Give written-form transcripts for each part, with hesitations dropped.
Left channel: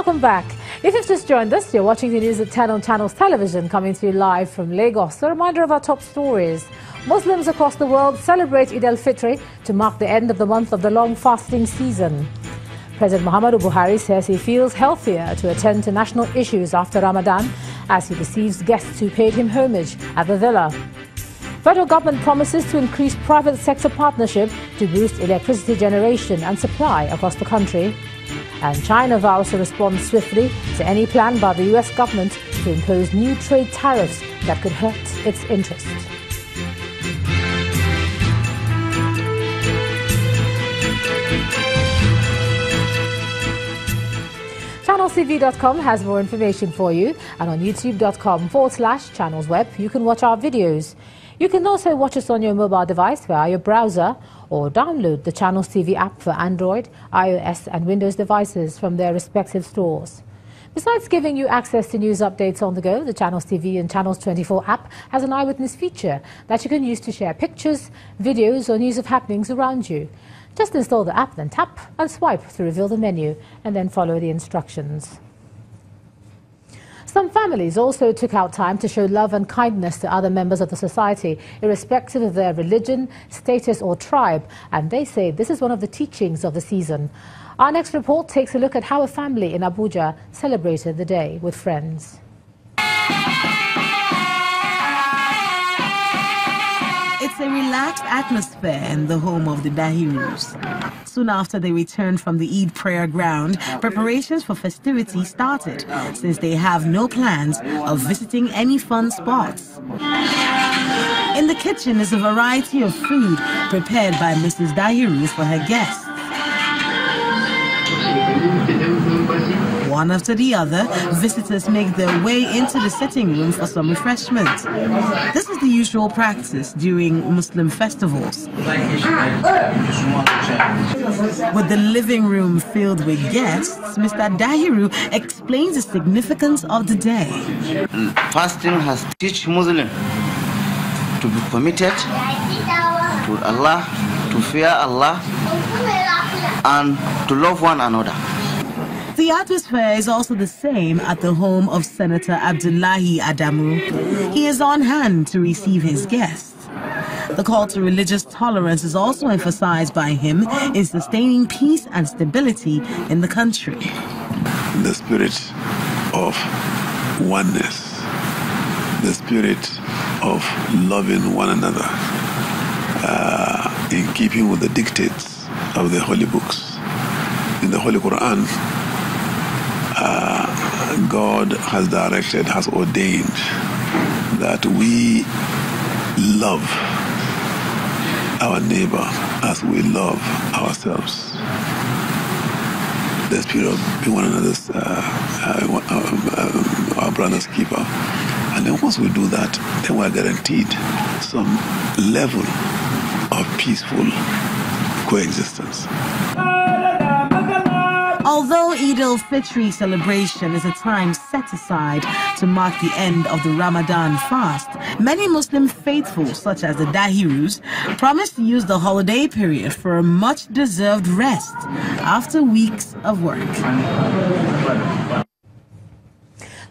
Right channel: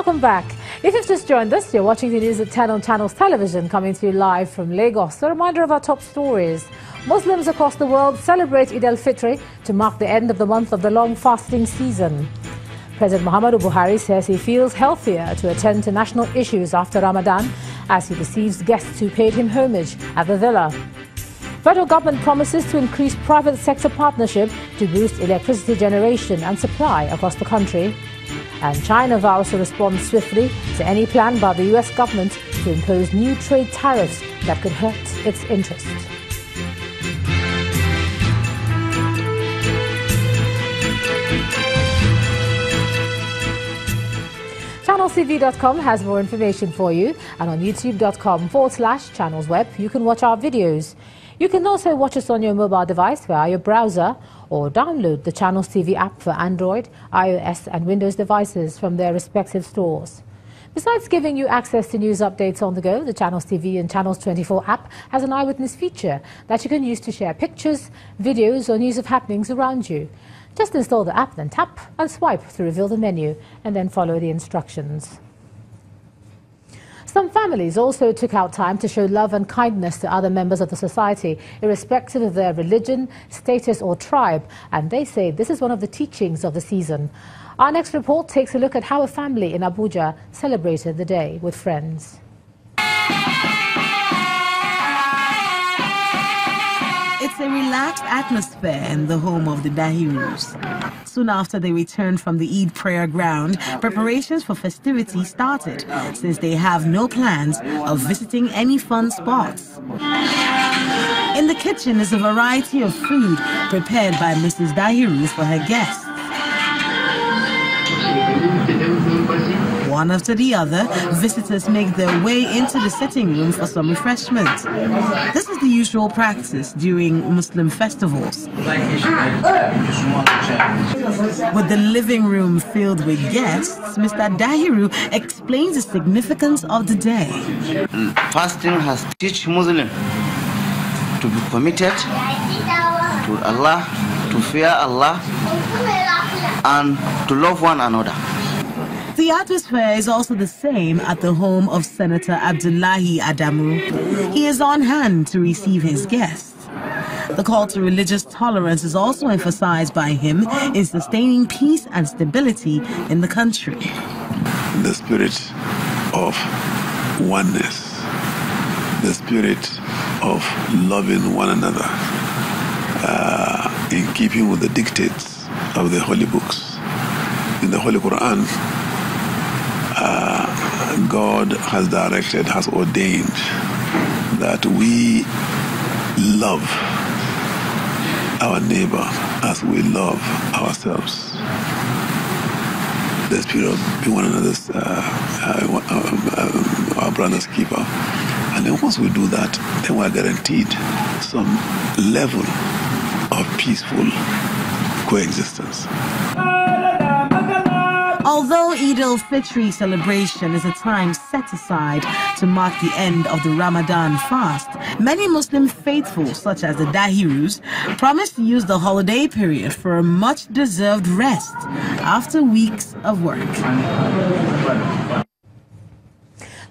Welcome back. If you've just joined us, you're watching the news at 10 on Channels Television, coming to you live from Lagos. A reminder of our top stories. Muslims across the world celebrate Eid al-Fitr to mark the end of the month of the long fasting season. President Muhammadu Buhari says he feels healthier to attend to national issues after Ramadan as he receives guests who paid him homage at the villa. Federal government promises to increase private sector partnership to boost electricity generation and supply across the country. And China vows to respond swiftly to any plan by the US government to impose new trade tariffs that could hurt its interests. ChannelsTV.com has more information for you, and on youtube.com/channelsweb you can watch our videos. You can also watch us on your mobile device via your browser or download the Channels TV app for Android, iOS and Windows devices from their respective stores. Besides giving you access to news updates on the go, the Channels TV and Channels 24 app has an eyewitness feature that you can use to share pictures, videos or news of happenings around you. Just install the app, then tap and swipe to reveal the menu and then follow the instructions. Some families also took out time to show love and kindness to other members of the society, irrespective of their religion, status or tribe, and they say this is one of the teachings of the season. Our next report takes a look at how a family in Abuja celebrated the day with friends. It's a relaxed atmosphere in the home of the Dahirus. Soon after they returned from the Eid prayer ground, preparations for festivities started, since they have no plans of visiting any fun spots. In the kitchen is a variety of food prepared by Mrs. Dahiru for her guests. One after the other, visitors make their way into the sitting room for some refreshment. This is the usual practice during Muslim festivals. With the living room filled with guests, Mr. Dahiru explains the significance of the day. Fasting has taught Muslims to be committed to Allah, to fear Allah, and to love one another. The atmosphere is also the same at the home of Senator Abdullahi Adamu. He is on hand to receive his guests. The call to religious tolerance is also emphasized by him in sustaining peace and stability in the country. The spirit of oneness, the spirit of loving one another, in keeping with the dictates of the holy books. In the Holy Quran, God has directed, has ordained that we love our neighbor as we love ourselves. The spirit of being one another's, our brother's keeper. And then once we do that, then we are guaranteed some level of peaceful coexistence. Although Eid al-Fitr celebration is a time set aside to mark the end of the Ramadan fast, many Muslim faithful, such as the Dahirus, promise to use the holiday period for a much-deserved rest after weeks of work.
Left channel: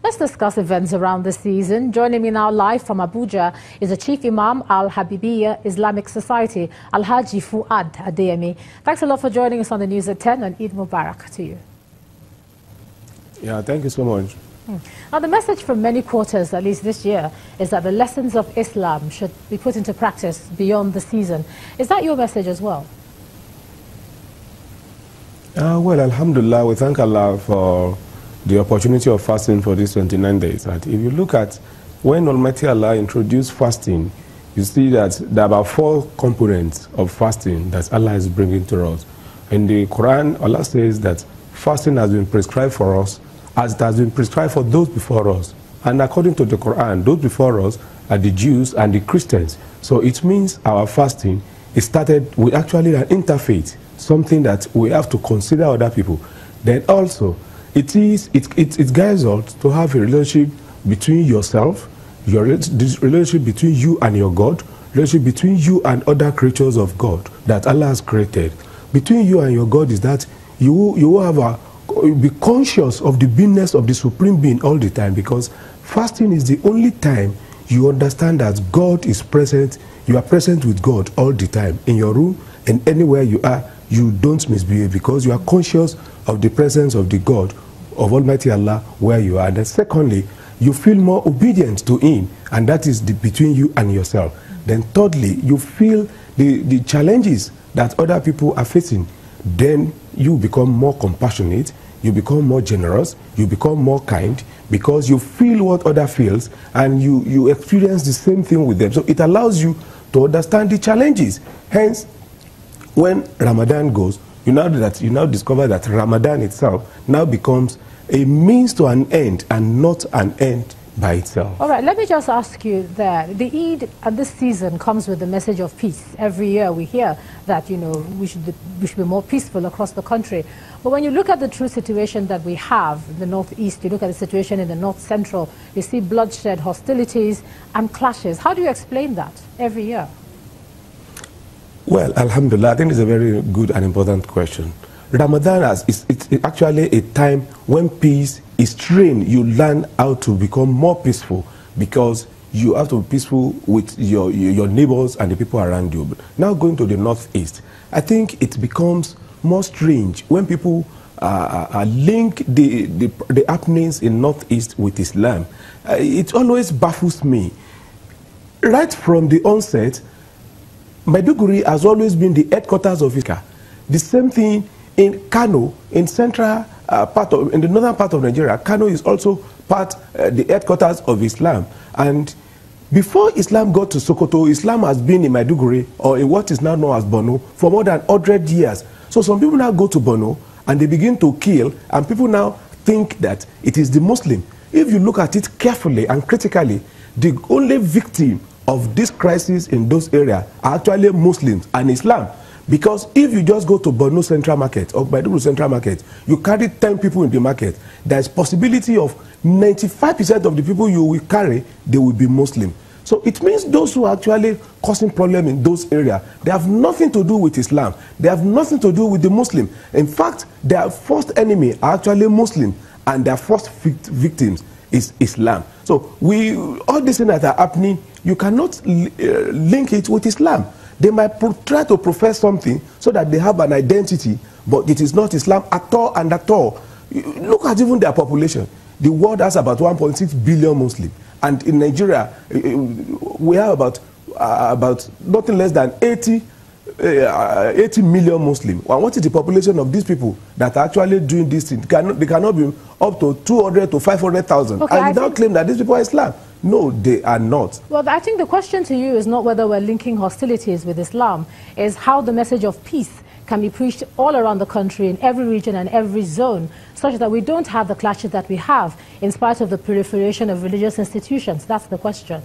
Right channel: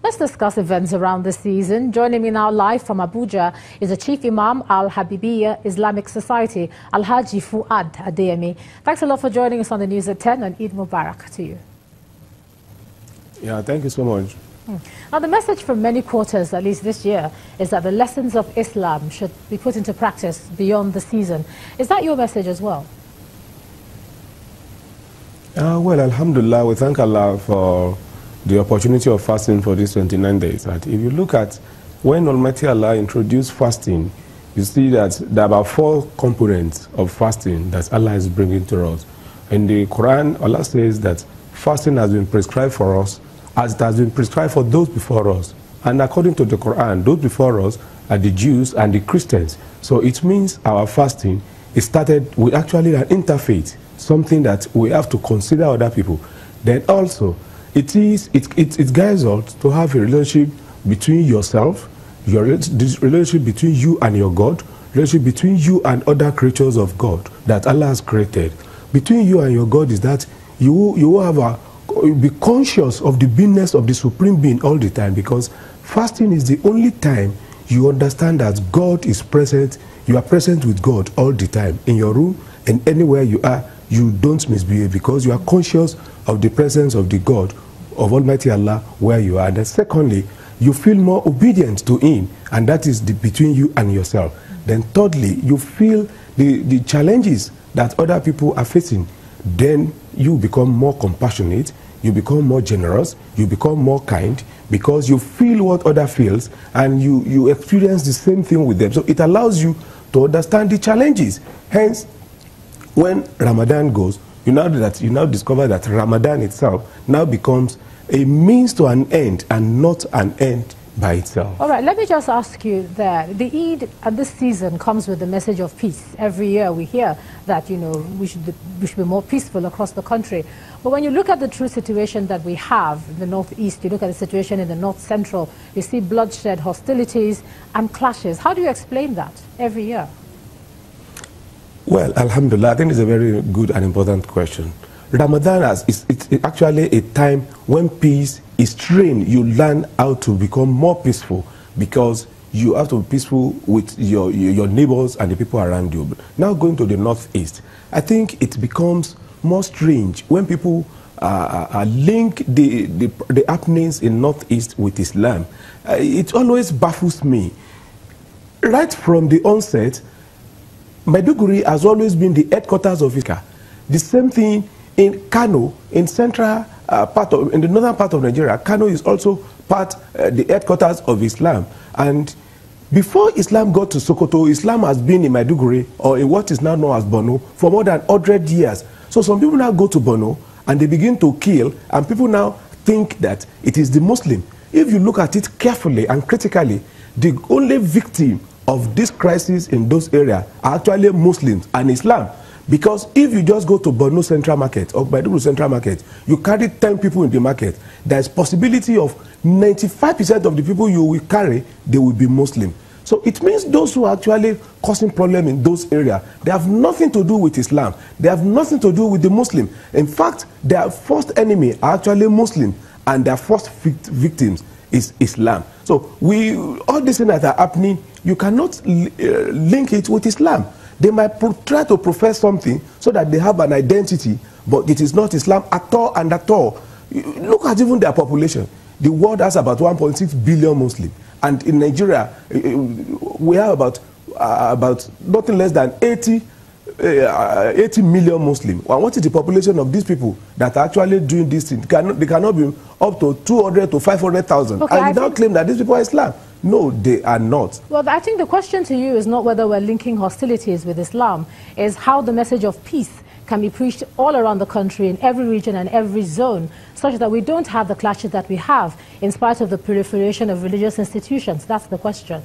Let's discuss events around the season. Joining me now live from Abuja is the Chief Imam Al-Habibiyya Islamic Society, Al-Haji Fuad Adeyemi. Thanks a lot for joining us on the news at 10, and Eid Mubarak to you. Yeah, thank you so much. Now, the message from many quarters, at least this year, is that the lessons of Islam should be put into practice beyond the season. Is that your message as well? Well, Alhamdulillah, we thank Allah for the opportunity of fasting for these 29 days. And if you look at when Almighty Allah introduced fasting, you see that there are about 4 components of fasting that Allah is bringing to us. In the Quran, Allah says that fasting has been prescribed for us as it has been prescribed for those before us. And according to the Quran, those before us are the Jews and the Christians. So it means our fasting is started with actually an interfaith, something that we have to consider other people. Then also, it guides us to have a relationship between yourself, this relationship between you and your God, relationship between you and other creatures of God that Allah has created. Between you and your God is that you will have a be conscious of the beingness of the Supreme Being all the time, because fasting is the only time you understand that God is present. You are present with God all the time. In your room and anywhere you are, you don't misbehave because you are conscious of the presence of the God, of Almighty Allah, where you are. And then secondly, you feel more obedient to Him, and that is between you and yourself. Then thirdly, you feel the challenges that other people are facing. Then you become more compassionate, you become more generous, you become more kind, because you feel what other feels, and you experience the same thing with them. So it allows you to understand the challenges. Hence, when Ramadan goes, you now discover that Ramadan itself now becomes a means to an end and not an end by itself. All right, let me just ask you that the Eid at this season comes with the message of peace. Every year we hear that, we should be more peaceful across the country. But when you look at the true situation that we have in the northeast, you look at the situation in the north central, you see bloodshed, hostilities and clashes. How do you explain that every year? Well, alhamdulillah, I think it's a very good and important question. Ramadan is actually a time when peace is trained. You learn how to become more peaceful, because you have to be peaceful with your neighbors and the people around you. But now going to the northeast, I think it becomes more strange when people link the happenings in northeast with Islam. It always baffles me. Right from the onset, Maiduguri has always been the headquarters of Islam. The same thing in Kano, in the northern part of Nigeria. Kano is also the headquarters of Islam. And before Islam got to Sokoto, Islam has been in Maiduguri, or in what is now known as Borno, for more than 100 years. So some people now go to Borno and they begin to kill, and people now think that it is the Muslim. If you look at it carefully and critically, the only victim of this crisis in those areas are actually Muslims and Islam. Because if you just go to Borno Central Market or Maiduguri Central Market, you carry 10 people in the market, there's possibility of 95% of the people you will carry, they will be Muslim. So it means those who are actually causing problems in those areas, they have nothing to do with Islam. They have nothing to do with the Muslim. In fact, their first enemy are actually Muslim, and their first victims is Islam. So all these things that are happening, you cannot link it with Islam. They might try to profess something so that they have an identity, but it is not Islam at all and at all. Look at even their population. The world has about 1.6 billion Muslims, and in Nigeria we have about nothing less than 80 million Muslims. And what is the population of these people that are actually doing this thing? They cannot be up to 200 to 500,000. Okay, and you don't claim that these people are Islam. No, they are not. Well, I think the question to you is not whether we're linking hostilities with Islam, is how the message of peace can be preached all around the country, in every region and every zone, such that we don't have the clashes that we have, in spite of the proliferation of religious institutions. That's the question.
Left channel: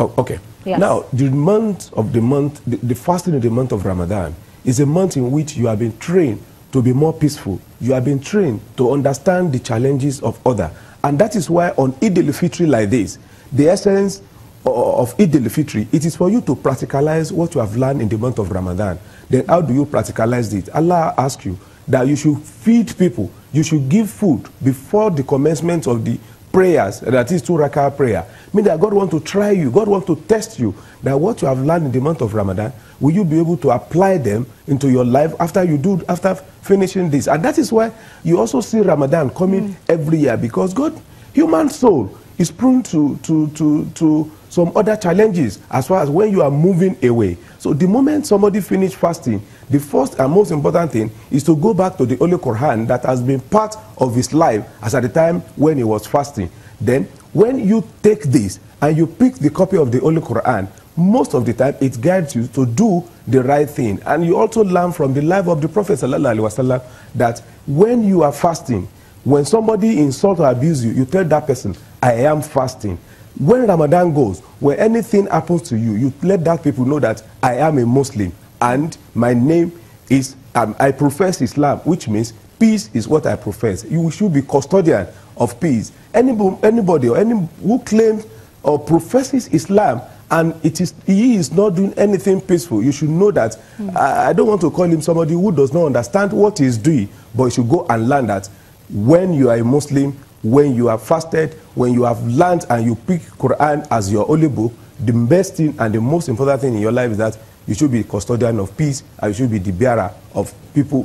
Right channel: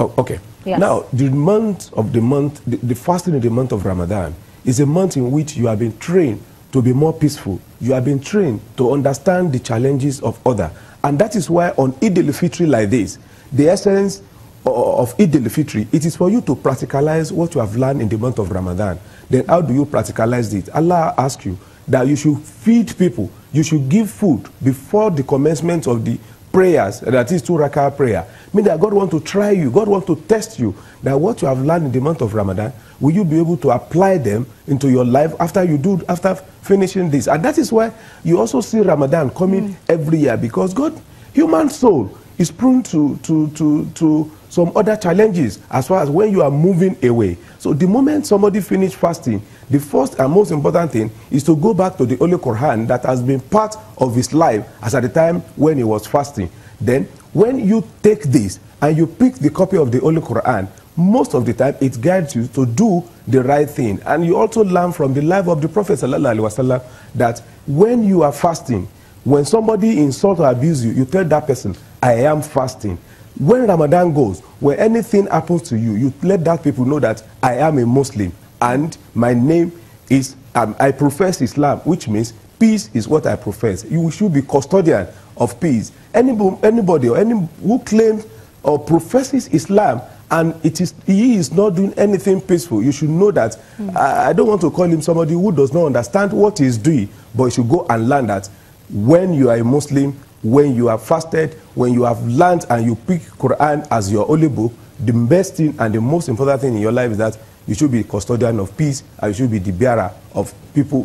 Oh, okay. Yes. Now, the fasting in the month of Ramadan is a month in which you have been trained to be more peaceful. You have been trained to understand the challenges of others. And that is why on Eid al-Fitr like this, the essence of Eid al-Fitr, it is for you to practicalize what you have learned in the month of Ramadan. Then how do you practicalize it? Allah asks you that you should feed people. You should give food before the commencement of the prayers, that is 2 rakah prayer. Meaning that God wants to try you. God wants to test you. That what you have learned in the month of Ramadan, will you be able to apply them into your life after finishing this? And that is why you also see Ramadan coming every year, because human soul is prone to some other challenges as far as when you are moving away. So the moment somebody finishes fasting, the first and most important thing is to go back to the Holy Quran that has been part of his life as at the time when he was fasting. Then when you take this and you pick the copy of the Holy Quran, most of the time it guides you to do the right thing. And you also learn from the life of the Prophet ﷺ that when you are fasting, when somebody insults or abuses you, you tell that person, I am fasting. When Ramadan goes, when anything happens to you, you let that people know that I am a Muslim and my name is, I profess Islam, which means peace is what I profess. You should be custodian of peace. Anybody or who claims or professes Islam and he is not doing anything peaceful, you should know that. I don't want to call him somebody who does not understand what he is doing, but you should go and learn that when you are a Muslim, when you have fasted, when you have learned and you pick Quran as your only book, the best thing and the most important thing in your life is that you should be custodian of peace, and you should be the bearer of people,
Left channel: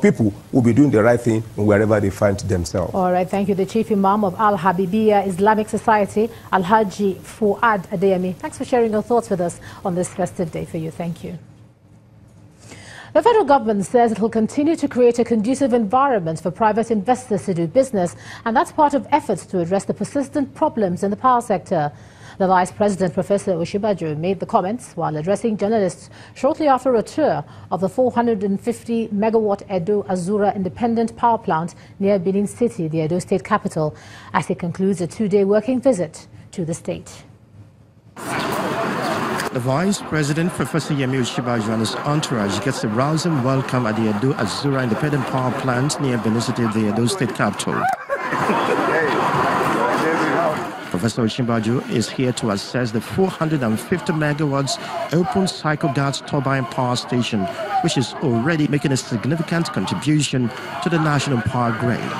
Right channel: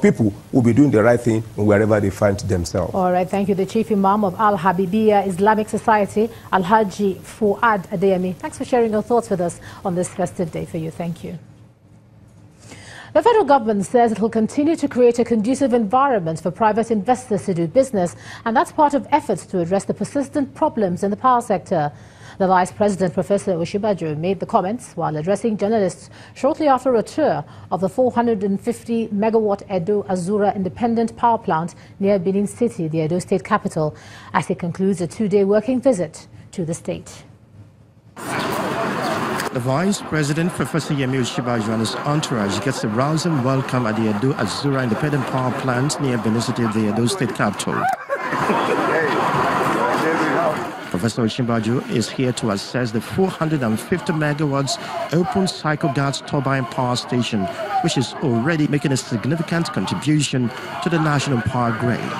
people who will be doing the right thing wherever they find themselves. All right, thank you. The Chief Imam of Al Habibiyya Islamic Society, Al-Haji Fuad Adeyemi. Thanks for sharing your thoughts with us on this festive day for you. Thank you. The federal government says it will continue to create a conducive environment for private investors to do business, and that's part of efforts to address the persistent problems in the power sector. The Vice President, Professor Osinbajo, made the comments while addressing journalists shortly after a tour of the 450-megawatt Edo Azura Independent Power Plant near Benin City, the Edo State capital, as he concludes a two-day working visit to the state. The Vice President, Professor Yemi Osinbajo, and his entourage gets a rousing welcome at the Edo Azura Independent Power Plant near Benin City, the Edo State capital. Professor Osinbajo is here to assess the 450 megawatts open cycle gas turbine power station, which is already making a significant contribution to the national power grid.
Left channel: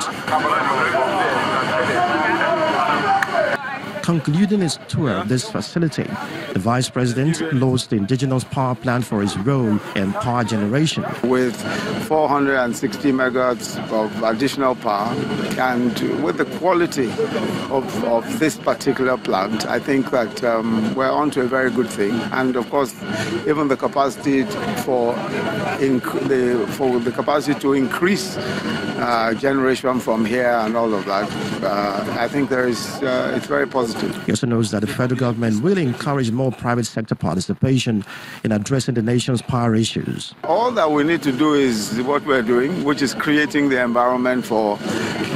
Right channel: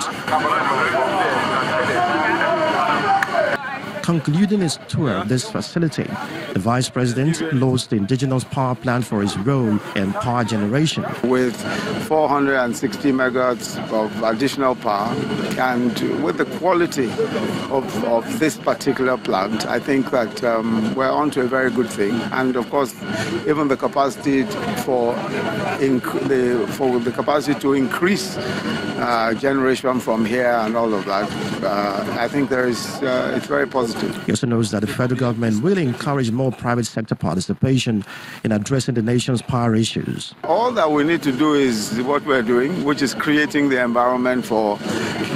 Concluding his tour of this facility, the Vice President lauded the indigenous power plant for its role in power generation. With 460 megawatts of additional power and with the quality of this particular plant, I think that we're on to a very good thing. And of course, even the capacity for the capacity to increase generation from here and all of that, I think it's very positive. He also knows that the federal government will encourage more private sector participation in addressing the nation's power issues. All that we need to do is what we're doing, which is creating the environment for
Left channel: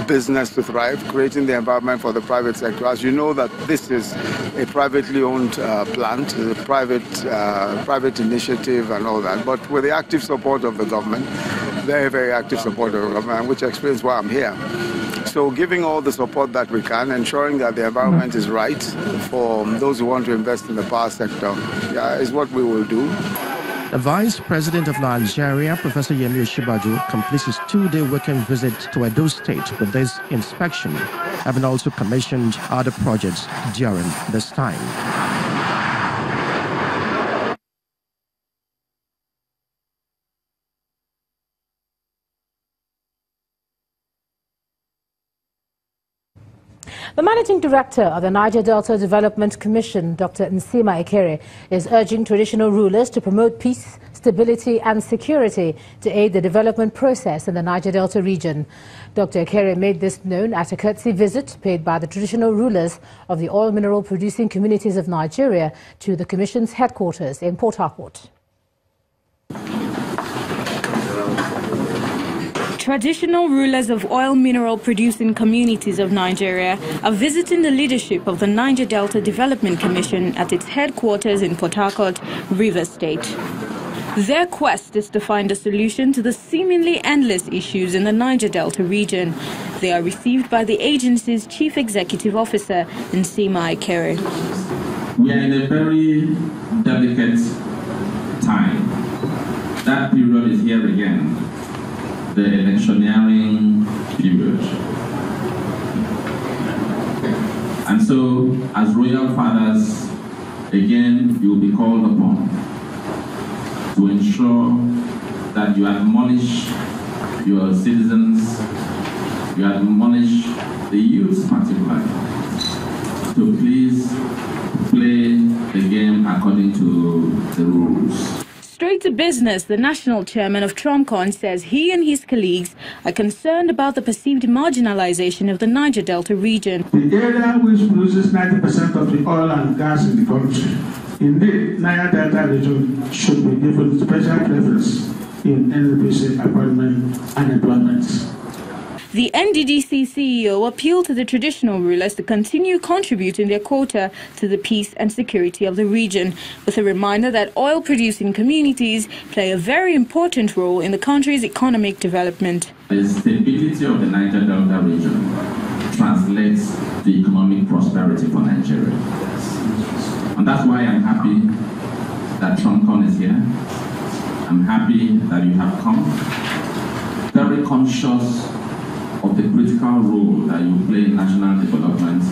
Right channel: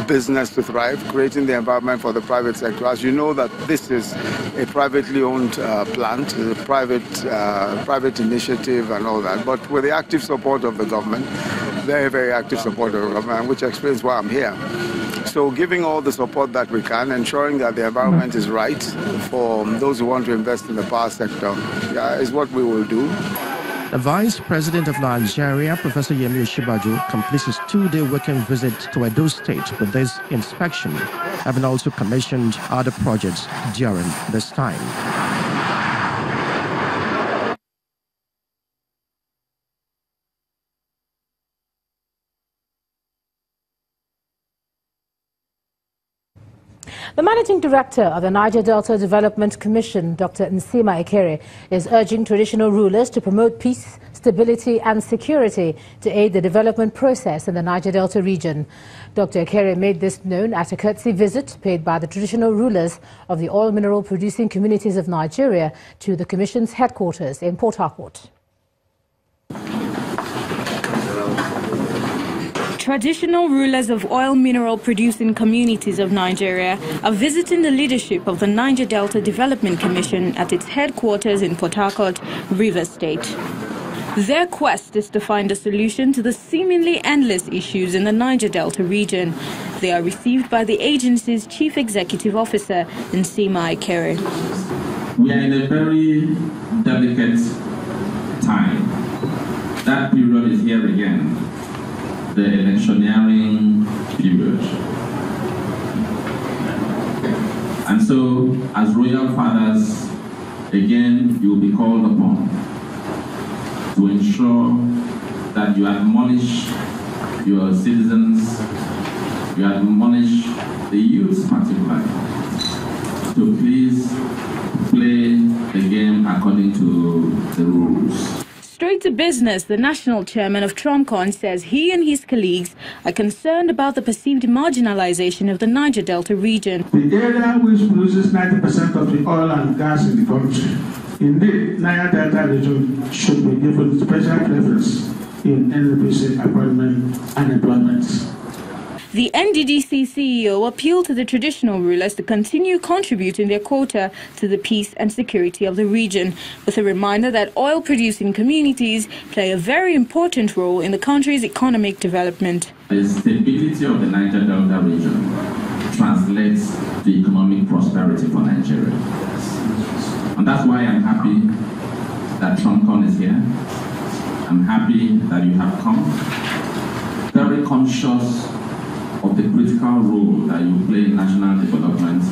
business to thrive, creating the environment for the private sector. As you know, that this is a privately owned plant, a private initiative and all that, but with the active support of the government, very, very active support of the government, which explains why I'm here. So giving all the support that we can, ensuring that the environment is right for those who want to invest in the power sector is what we will do. The Vice President of Nigeria, Professor Yemi Osinbajo, completes his two-day working visit to Edo State with this inspection, having also commissioned other projects during this time. The Managing Director of the Niger Delta Development Commission, Dr. Nsima Ekere, is urging traditional rulers to promote peace, stability and security to aid the development process in the Niger Delta region. Dr. Ekere made this known at a courtesy visit paid by the traditional rulers of the oil mineral producing communities of Nigeria to the Commission's headquarters in Port Harcourt. Traditional rulers of oil mineral producing communities of Nigeria are visiting the leadership of the Niger Delta Development Commission at its headquarters in Port Harcourt, Rivers State. Their quest is to find a solution to the seemingly endless issues in the Niger Delta region. They are received by the agency's Chief Executive Officer, Nsima Ekere. We are in a very delicate time. That period is here again. The electioneering period. And so, as royal fathers, again, you will be called upon to ensure that you admonish your citizens, you admonish the youth particularly, to please play the game according to the rules. Straight to business, the national chairman of Trumcon says he and his colleagues are concerned about the perceived marginalization of the Niger Delta region. The area which produces 90% of the oil and gas in the country, in the Niger Delta region, should be given special preference in NNPC appointment and employment. The NDDC CEO appealed to the traditional rulers to continue contributing their quota to the peace and security of the region, with a reminder that oil-producing communities play a very important role in the country's economic development. The stability of the Niger Delta region translates to economic prosperity for Nigeria. And that's why I'm happy that Trumpcon is here. I'm happy that you have come. Very conscious of the critical role that you play in national development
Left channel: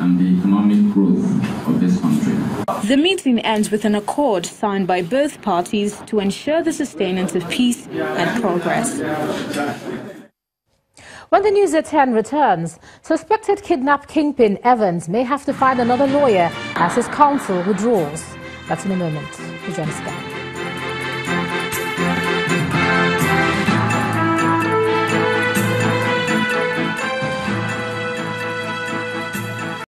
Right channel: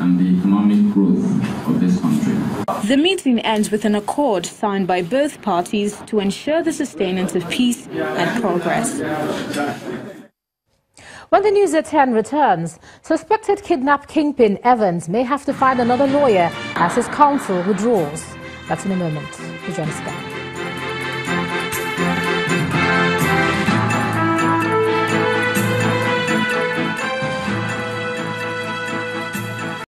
and the economic growth of this country. The meeting ends with an accord signed by both parties to ensure the sustenance of peace and progress. When the news at 10 returns, suspected kidnap kingpin Evans may have to find another lawyer as his counsel withdraws. That's in a moment. Presents back.